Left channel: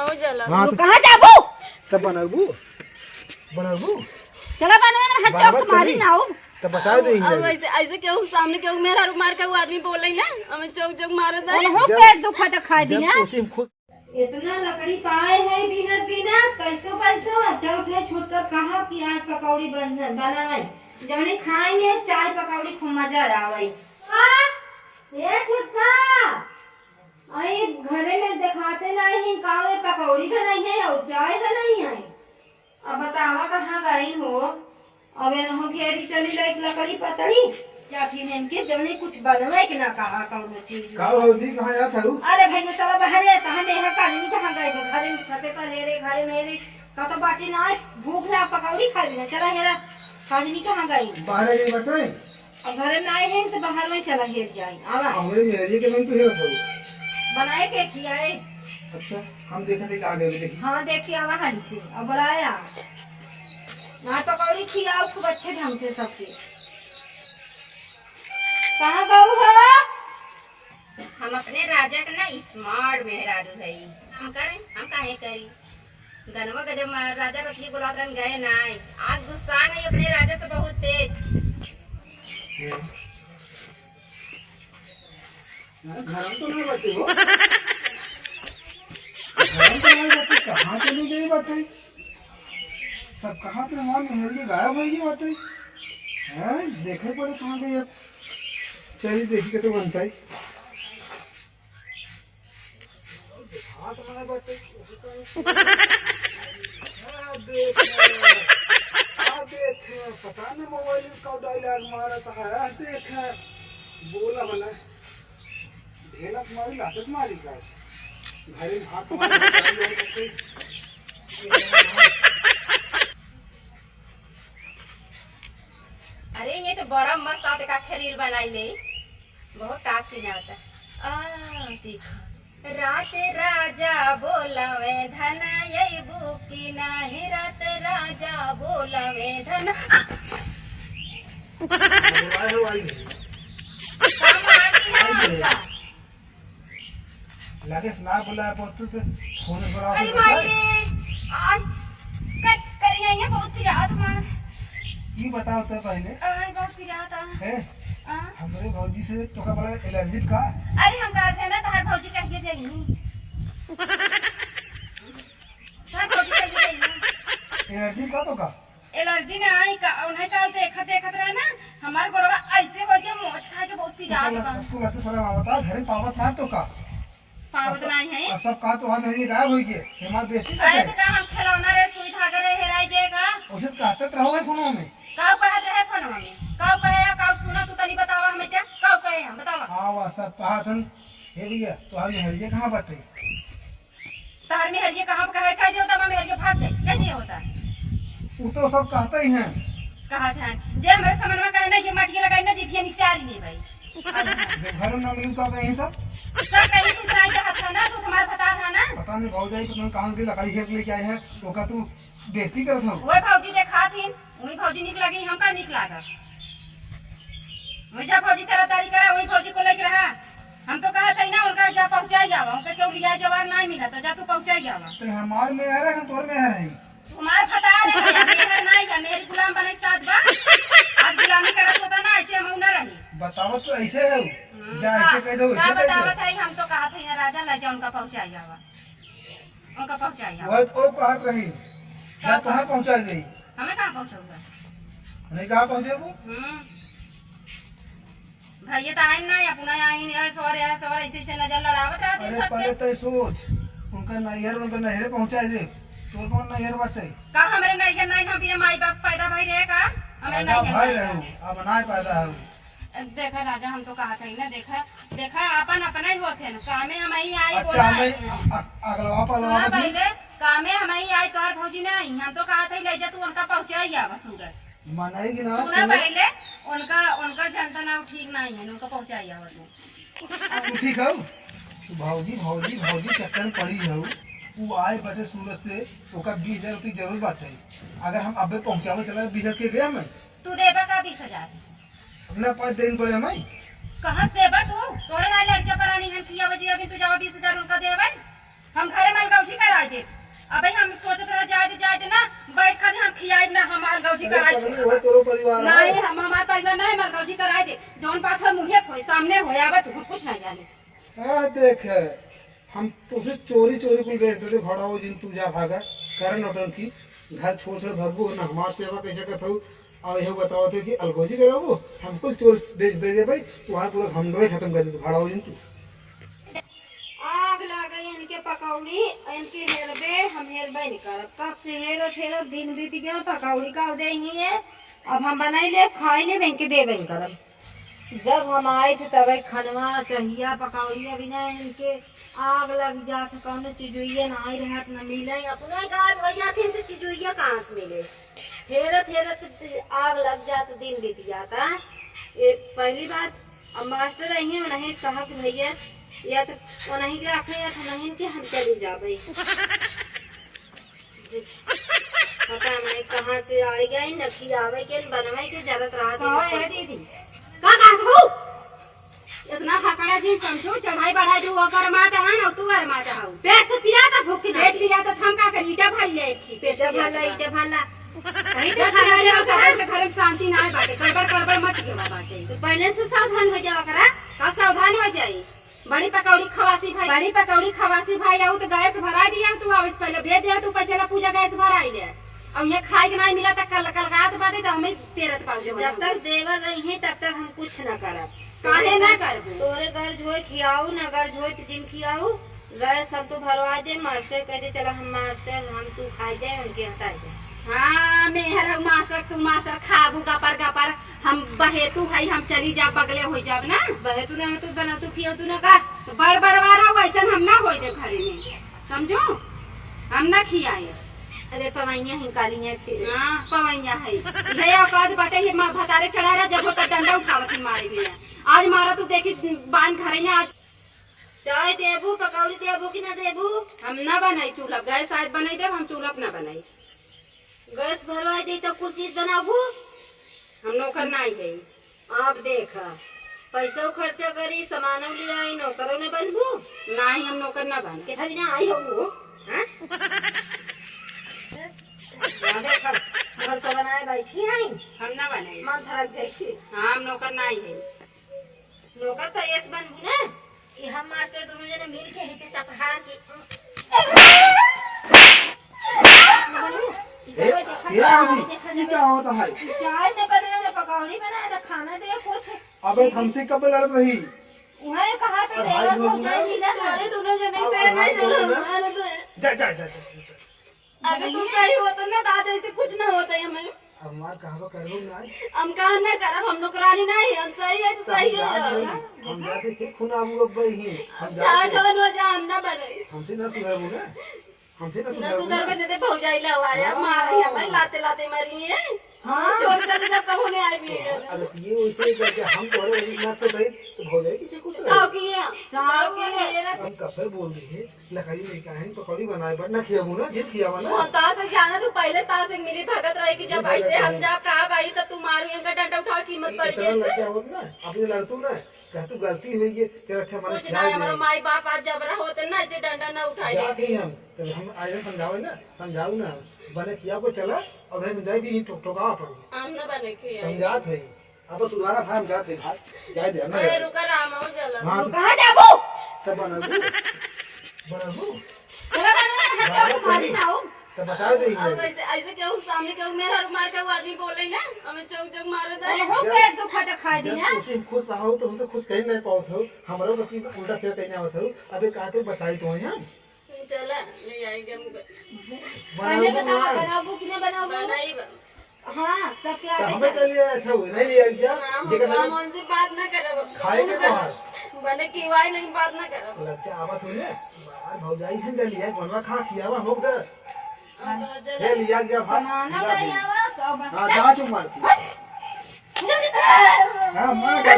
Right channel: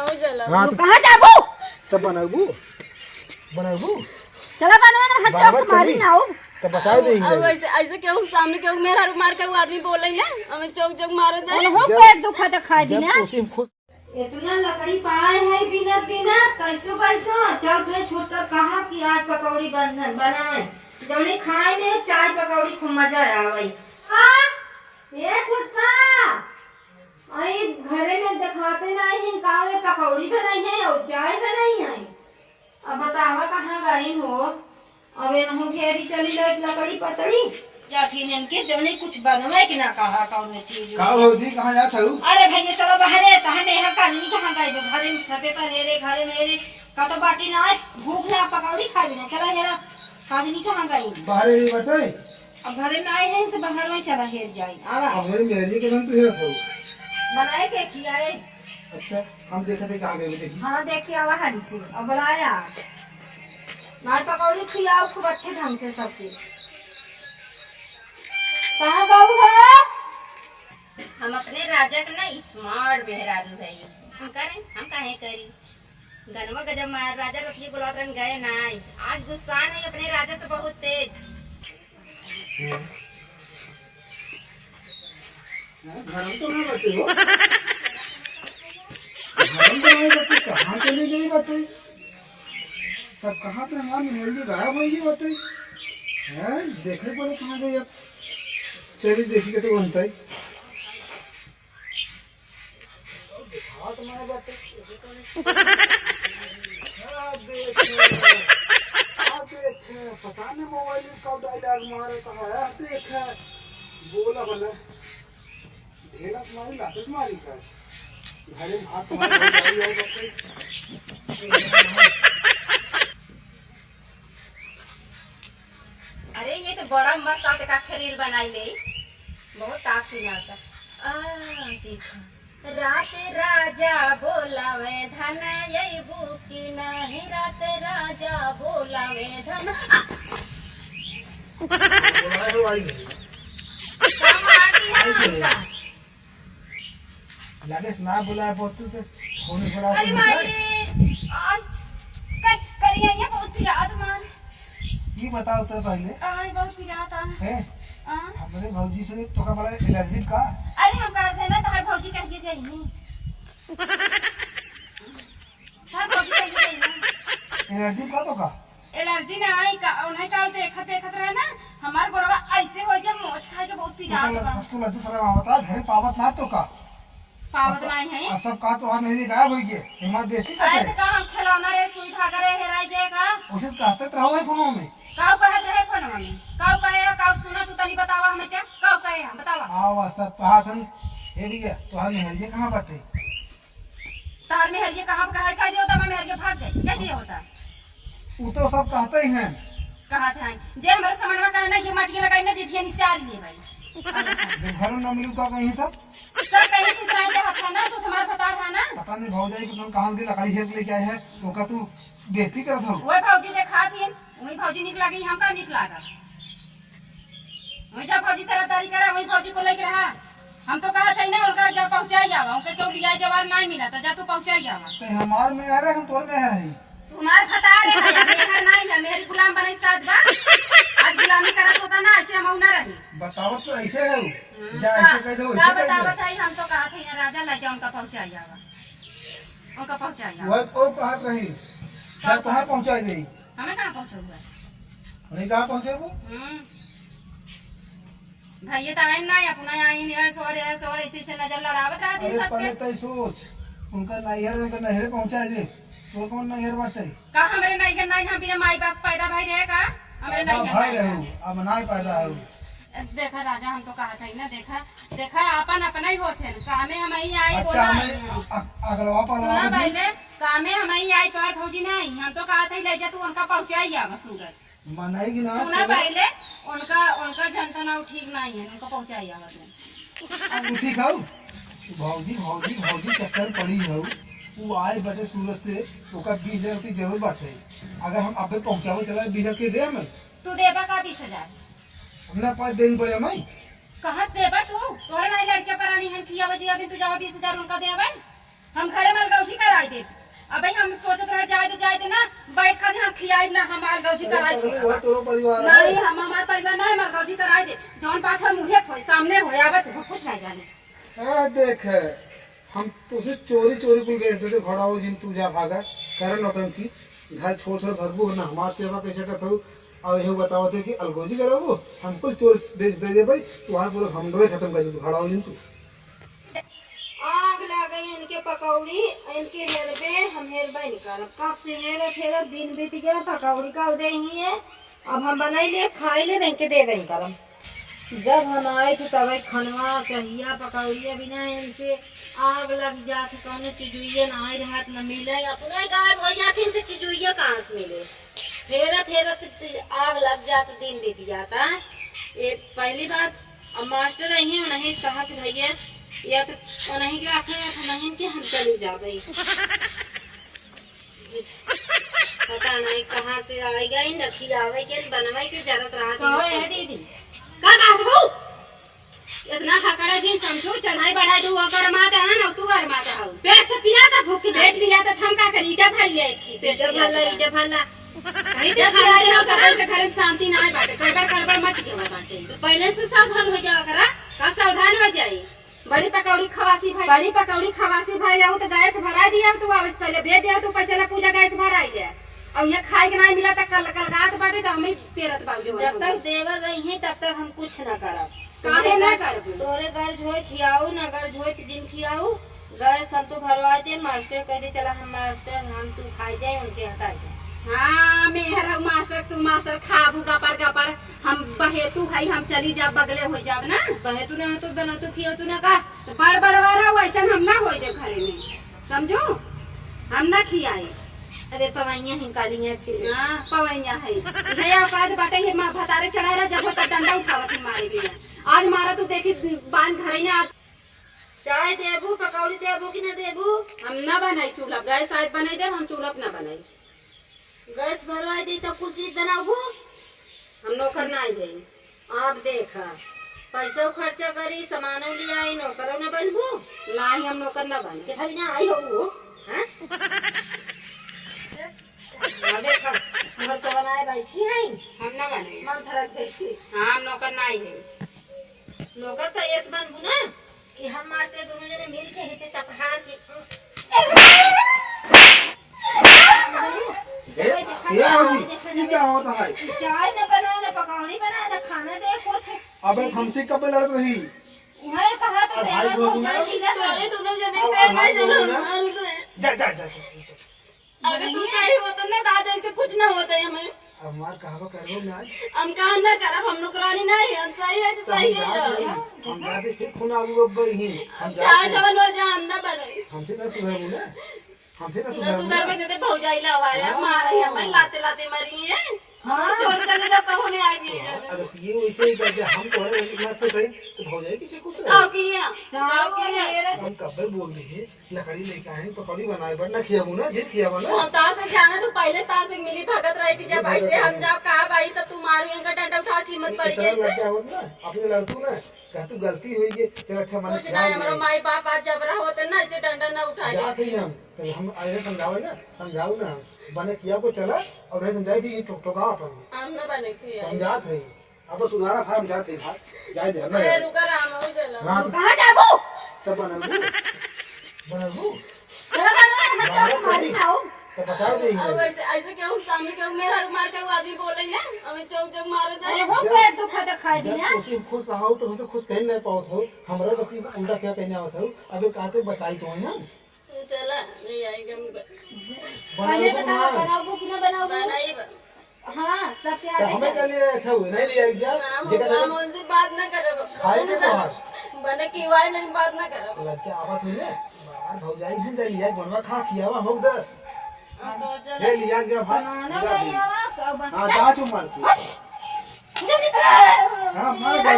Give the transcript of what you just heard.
हो जाला कहां जाबू तब बनाबू चला बनवा ना हाथ तुम्हारी ना हो तब बचाओ देंगे अब ऐसे ऐसे केहू सामने केहू मेरा मार के वो आदमी बोल रही ना हमें चौक चौक मारे दे हो पेट दुखा तो खा दी ना सोचे खुद इतना लकड़ी पाए है बिना बिना कैसो चल के छूटकर कहा कि आज पकौड़ी बनाए जौनी खाए में चाय पकौड़ी खूब मजा आवे हां ये छुटका आई घरे में दिखाते नहीं हैं कावे पकौड़ी बनाई है और चाय बनाई है अब बतावा कहां गई हो अब एनहु घेरी चली ले लकड़ी पतड़ी जाखिन इनके जौने कुछ बनवे के ना कहा कौन चीज का भौजी कहां जात हऊ अरे भैया चलो बाहर है कहां मेहर काली कहां गई घरे में छते पर रे घरे मेरे का तो बाटी ना भूख ला पकौड़ी खा भी ना चला हेरा काली कहां गई बाहर गई बटे अब घरे ना आए हैं तो बाहर में चला हेर जाए आवा हमरे मेहरिए के रंग तो हेरत हऊ बनाए के खियाए अच्छा हम देखते कहां गए देखी हां देखिए आवा हाली से अब बुलाया ना पकौड़ी खियाओ खूब अच्छे ढंग से सबसे कहां गऊ हो हम अपने राजा का ना स्मार्ट मेहरारू है हम करें हम काहे करी गनवा का जब राजा रखी गुलाबरन गए ना आज गुस्सा नहीं अपने राजा से बहुत तेज घर में तो नहीं बटे हो घर में तो नहीं बटे कहां चली गई बटे सब कहां पे हमारे मेहरिए गायब हो गई बटे हैं देखे पड़े कहां गई अब चलिए देखी के तो बनता है हाथ में बटे देख पता नहीं मोबाइल कब डायलॉग मारता है देख बोला बना ढेला मारी लाते मारी का घरे में हाथ मार अरे ये तो बड़ा मस्त आते का खरील बनाई ले बहुत टाप सीना होता देखो रात राजा बोलावे धन यही बुकी नहीं रात राजा बोलावे धन बोलाए हो आई लगे ना बुलाया बहुत तो फोन बड़ा अरे माये आज करिए ये बहुत पिरात मार ये बताओ तो पहले आज बहुत पिरात है हमारे भौजी से तो का बड़ा एलर्जी का अरे हम कहा थे ना तार भौजी कहिए जाइए तार भौजी कहिए जाइए एलर्जी का तो का एलर्जी ना आई का उन्हें काल देखत रहे ना हमार गोड़वा ऐसे हो गया मोच खा के बहुत पिरात बा उसको लज्जा सारा आवता घर पावत ना तो का पावत नहीं है अब सब का तो हम मेरी गायब हो गए हिम्मत बेइज्जती अरे करते तो का हम खिलौना रे सुई धागा रे हेराई के का उसे कहते रहो है फोनों में काऊ कहत रहे फोनवा में काऊ कहे काऊ सुना तू तनी बतावा हमें क्या काऊ कहे हम बतावा आवा सब कहा थन हे भैया तो हम मेहरिए कहां बैठे तार में हरिये कहां कहे कह दियो तमा में हरिये भाग गई कह दियो होता वो तो सब कहते ही हैं कहा था जे हमारे समनवा कहे ना ये माटी लगाई ना जी भी निसारी ले भाई जब घर में न मिलू का कहीं सब कहीं तू चाहे चाहत था ना तू हमार बता था ना पता नहीं भौजाई को तुम कहां की लकड़ी हेर लेके आए है तो का तू बेइज्जती करत हो वो भौजी देखा थी वही भौजी निक लगी हम का निक लागा वही जा भौजी तरफदारी करा वही भौजी को लेके रहा हम तो कहा था ना उनका जा पहुंचाई जावा उनके क्यों लिया जवार नहीं मिला तो जा तू पहुंचाई जावा तो हमार में आ रहा हम तोर में आ रही तुम्हार फटा रे मेरा नहीं है मेरी गुलाम बने साथ बा आज गुलामी करत होता ना ऐसे हम ना रही बतावत तो ऐसे है जा ऐसे कह दो ऐसे कह बतावत है हम तो कहा था ना राजा ले जा उनका पहुंचाई जावा उनका पहुंचाई जावा वो कहत रही जा तुम्हें पहुंचाई दे हमें कहाँ पहुंचाऊंगा नहीं कहां पहुंचे वो भैया तो आइन ना अपना आइन यार सवार ऐसे से नजर लड़ावत रहा दिन अरे पहले सबसे तो सोच उनका नहर पहुंचाए दे तो कौन नहर बाटे का हमरे नहीं नहीं हम बिना माई बाप पैदा भाई रहे का हमरे पैदा नहीं भाई रहू अब ना पैदा हो देखा राजा हम तो कहा था ना देखा अपन अपना ही होते ना कामे हम ही आई अच्छा बोला हमें अगलवा सुना पलवा पहले कामे हम ही आई तोहर भौजी नहीं हम तो कहा था ले जा तू उनका पहुंचाई आवा सूरत मनाएगी ना सुना पहले उनका जनता ना ठीक नहीं है उनका पहुंचाई आवा तू ठीक है भौजी भौजी भौजी चक्कर पड़ी है वो आए बटे सूरत से ओका 20,000 रुपये जरूर बाटे अगर हम अबे पहुंचावे चला 20,000 के दे हमें तू देबा का 20,000 अपना 5 दिन पड़े हमें कहाँ से देबा तू तोरे नहीं लड़के पर नहीं हम किया वजह अभी तू जावा 20,000 उनका देबा हम घरे में गौजी कराई दे मरगौजी कराई पगली वही तोरो परिवार नहीं है। हम हमार परिवार नहीं मरगौजी कराई दे जौन बात है मुहे खोई सामने हो आवत कुछ नहीं जाने देख हम तुझे चोरी चोरी कुल गए थे भड़ाओ जिन तू जा भागा कर नौटंकी घर छोड़ छोड़ भगबू ना हमार सेवा कैसे करत हूँ और यही बताओ थे कि अलगोजी करोबो हम कुल चोर बेच दे दे भाई तुम्हारा पूरा घमंडवे खत्म कर दे भड़ाओ जिन तू आग लग गई इनके पकौड़ी इनके हेरबे हम हेरबे नहीं करब कब से हेरत हेरत दिन बीत गया पकौड़ी का उदय ही है अब हम बनाई ले खाई ले इनके देबे नहीं करब जब हम आए थे तब खनवा चहिया पकौड़िया बिना इनके आग लग जात कौन चिजुइया ना आई रहत न मिले अपना गायब हो जाती तो चिजुइया कहाँ से मिले हेरत हेरत आग लग जात दिन बीत जाता ये पहली बात अब मास्टर रही उन्हें कहा कि भैया या तो उन्हीं के रखे या तो नहीं के हम चली जाबे पता नहीं कहाँ से आई गई न खियावे के बनवाई के जरूरत रहा कहो है दीदी का कहत हो इतना खकड़ा जी समझो चढ़ाई बढ़ाई दू अगर माता है ना तू घर माता है पेट तो पिलाता भूख के पेट पिलाता हम का करी ईटा भर ले थी पेट भला इटे भला कहीं जब तो से आए हो घर से घर में शांति ना आए बाटे गड़बड़ गड़बड़ मत के बाटे तो पहले से सावधान हो जाओ करा का सावधान हो जाई बड़ी पकौड़ी खवासी भाई रहू तो गैस भरा दिया तू आवे से पहले भेज दिया तू पैसा पूजा गैस भराई दे अब ये खाए के नहीं मिला तक कल रात बाटे तो हमें पेरत पाऊ जब तक देवर रही तब तक हम कुछ न करब काहे ना करबू तोरे घर झोई खियाऊ न घर झोई दिन खियाऊ गए सब तो भरवा दे मास्टर कह दे चला हम मास्टर हम तू खा जाए उनके हटा जाए हाँ मेहर मास्टर तू मास्टर खाबू गपर हम बहे तू है हम चली जा बगले हो जाब ना बहे तू न तो बना तू खियाऊ तू न का तो बड़ बड़वारा वैसा हम ना हो दे घरे में समझो हम ना खियाए अरे पवैया ही काली है फिर हाँ पवैया है ये औकात बाटे ये भतारे चढ़ा रहा जब तक डंडा उठावत ही मारे गए आज मारा तू देखी बांध घरे ने आज चाय देबू पकौड़ी देबू कि न देबू हम ना बनाई चूल्हा गैस आज बनाई दे हम चूल्हा ना बनाई गैस भरवाई दे तो कुछ चीज बनाबू हम नौकर ना आई है आप देखा पैसा खर्चा करी सामानों ले आई नौकरों न बनबू ना ही हम नौकर ना बने कितना भी ना आई हो वो हां देखा घर को बनाए बैठी हैं हम ना बने मन थरक जैसे हाँ हम नौकर ना आई है नौकर तो ऐसे बनबू ना कि हम मास्टर दोनों जने मिल के हिस्से चपहार की क्या होगी क्या होता है चाय न बनाए न पकौड़ी बनाए न खाना दे कुछ अबे हमसे कब लड़त रही उन्हें कहा तो भाई देवर को होगी ना? भाई मिला तोरे दोनों जने अब पे भाई नहीं होगी ना? मार दो जा जा जा जा अगर तू सही होता ना दादा ऐसे कुछ ना होता है हमें अब हमार कहवा करबो ना हम कहा ना करब हम नौकरानी नहीं हम सही है तो सही है हम जाते फिर खून आबू अब ही हम चाहे जाते जवन हो जा हम ना बने हमसे ना सुधरबू ना हमसे ना ना सुधरबू सुधर ना के देते भौजाई लवाया मारे हमें लाते लाते मरी है हाँ छोड़ कर जब तक होने आई भी अरे ये वैसे ही जब हम तोरे वही ना तो सही तो भौजाई किसे कुछ ताऊ रहे की है चाव ताऊ की है हम कब्बे बोल दिए लकड़ी लेके आए पकौड़ी बनाए बट ना खियाबू ना जे खियाबा ना हम ताऊ से जाना तू पहले ताऊ से मिली भगत रही कि जब ऐसे हम जब कहा भाई तब तू मारू इनका डंडा उठा कीमत पड़ इतना गई लज्जा होत ना अपने लड़तू ना कह तू गलती हुई है चल अच्छा मन कुछ ना हमारा माई बाप आज जबरा होते ना ऐसे डंडा ना उठाए जाके ही हम तो हम आए समझावे ना समझाऊ ना बने किया को चला और नहीं समझाए भी ठोका अपन हम ना बने के आई समझात है अब सुधारा भाई हम जाते भाई जाए दे हम अरे रुका राम हो जला हां कहा जाबू तब बनाबू चला बना हम तो मारी जाओ तब बचाओ अब देंगे ऐसे ऐसे क्यों सामने क्यों मेरा रुमार का वो आदमी बोले ना हमें चौक चौक मारे दे अरे हो पेट दुखा तो खा जी जब ना तुझे खुश रहो तो हम तो खुश कहीं नहीं पाओ थे हमारा गति उल्टा फिर कहीं आवत हो अबे कहते बचाई तो हैं हम चला ले आएंगे हम पहले बनाओ बताओ ना बनाओ कि ना बनाओ बनाई हाँ सबके तो आगे हमें कल था नहीं लिया जा जेकर हम उनसे बात ना करब खाए के तोहार बने की वाई नहीं बात ना करब लज्जा आवत हो ने बाहर भौजाई हैं जा लिया बनवा खा खियावा हम लोग दे हम तो चला ले लिया गया भाई बनाना बनावा सब हां जा चुप मार के हां मार गया